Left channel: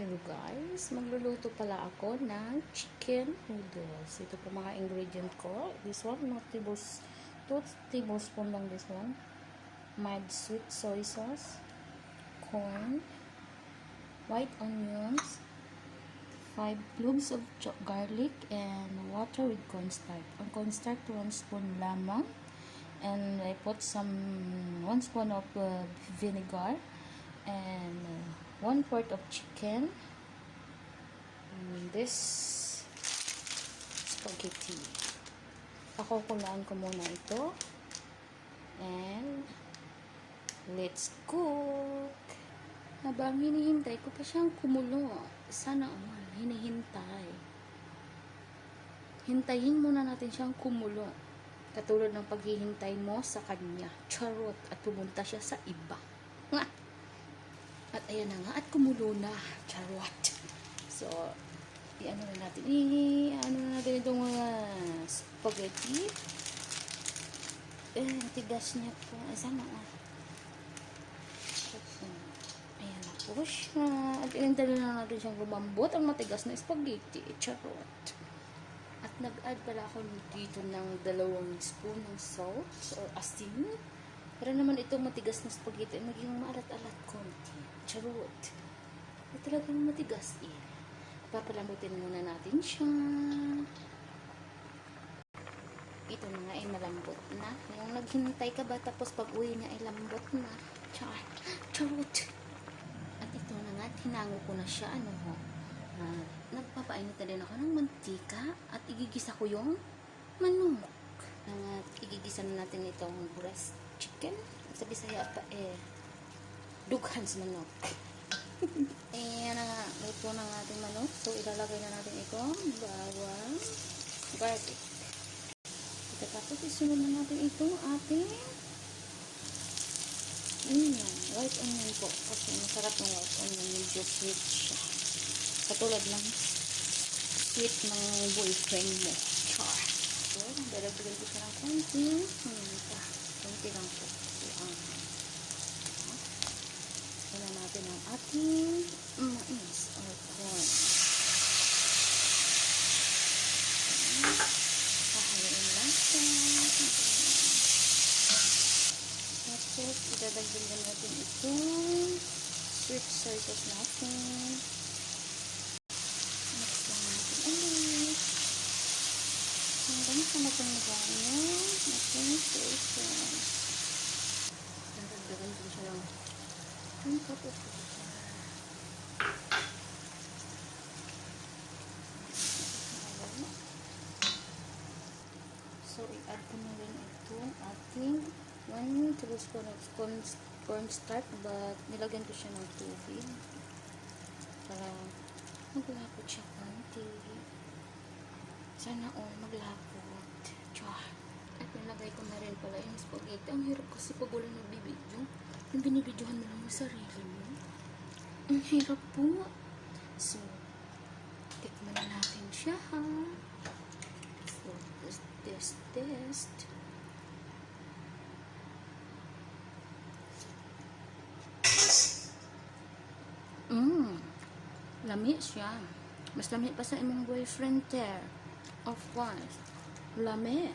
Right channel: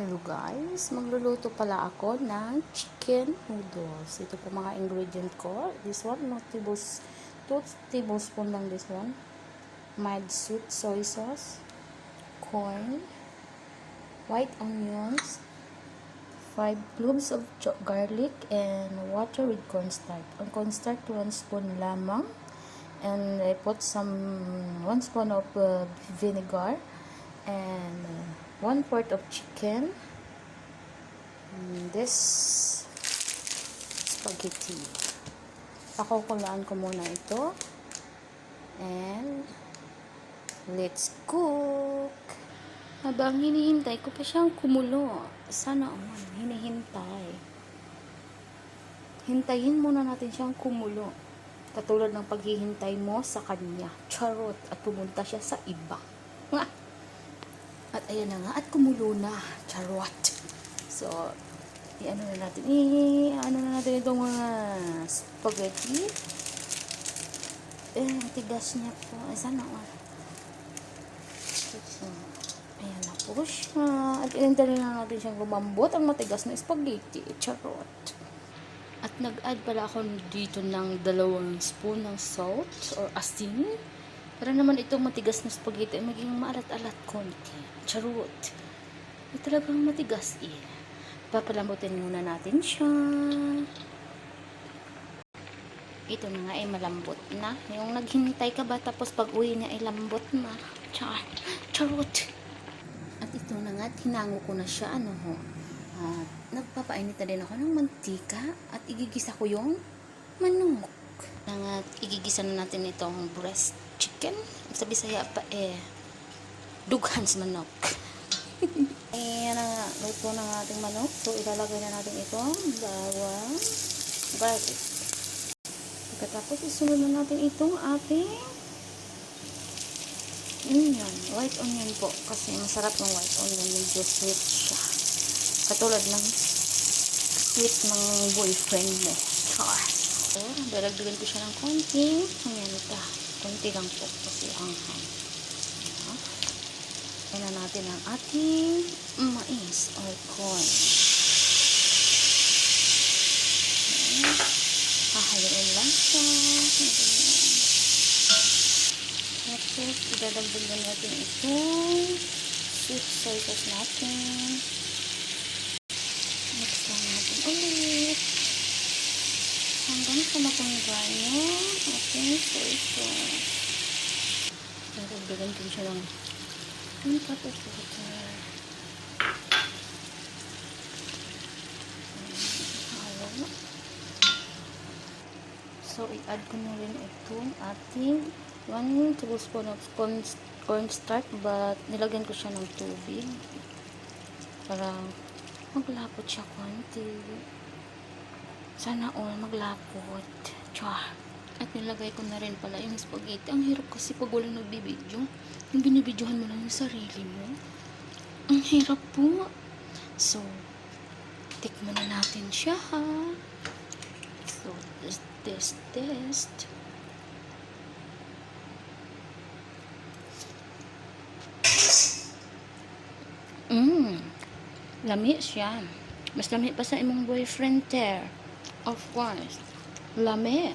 Hello guys, magluluto pala ako ng chicken noodles. Ito po mga ingredient ko. This one, 2 tablespoon lang this one. Mild sweet soy sauce, corn, white onions, 5 cloves of garlic, and water with cornstarch. Ang cornstarch, 1 spoon lamang. And I put 1 spoon of vinegar and 1/4 of chicken, and this spaghetti. Pakukulaan ko muna ito and let's cook. Habang hinihintay ko pa siyang kumulo, sana naman hinihintay, hintayin muna natin siyang kumulo, katulad ng paghihintay mo sa kanya, charot, at pumunta siya sa iba. At ayan na nga, at kumulo na, charot. So, ano na natin itong mga spaghetti. Tigas niya po. Sana nga. So, ayan na po siya. At inintay na natin siyang lumambot ang matigas na spaghetti, charot. At nag-add pala ako dito ng 2 spoon ng salt or asin. Para naman itong matigas na spaghetti ay maging maalat-alat konti. Charot. Ay talagang matigas eh. Papalambutin muna natin siya. Ito na nga ay malambot na. Yung naghintay ka ba tapos pag uwi niya ay lambot na. Charot. At ito na nga, hinango ko na siya. Nagpapainit na din ako ng mantika at igigisa ko yung manok. At igigisa na natin itong breast chicken. Sa Bisaya pa dughan sa manok. Ayan na, luto na ng ating manok. So ilalagay na natin itong bawang, garlic. Pagkatapos isunod na natin itong ating onion, white onion po, kasi ang sarap ng white onion, medyo sweet siya, katulad ng sweet ng boyfriend mo. So daragdagan ko siya ng konting paminta. Konti lang po kasi ang na natin ang ating mais or corn. Hahaluin lang siya. Next, idadagdagan natin itong sweet soy sauce natin. Mix lang natin ulit hanggang sa matanggal yung ating soy sauce. Dadagdagan ko siya lang yung patapos. So, i-add ko na rin itong ating 1 tablespoon of cornstarch, but nilagyan ko siya ng tubig para maglapot siya konti. Sana all maglapot. At nilagay ko na rin pala yung spaghetti. Ang hirap kasi pag walang nagbibidyo. Yung binibidyohan mo lang yung sarili mo. Ang hirap po. So, tikman na natin siya ha. So, test. Lami siya. Mas lami pa sa imong boyfriend there. Of course. Lami.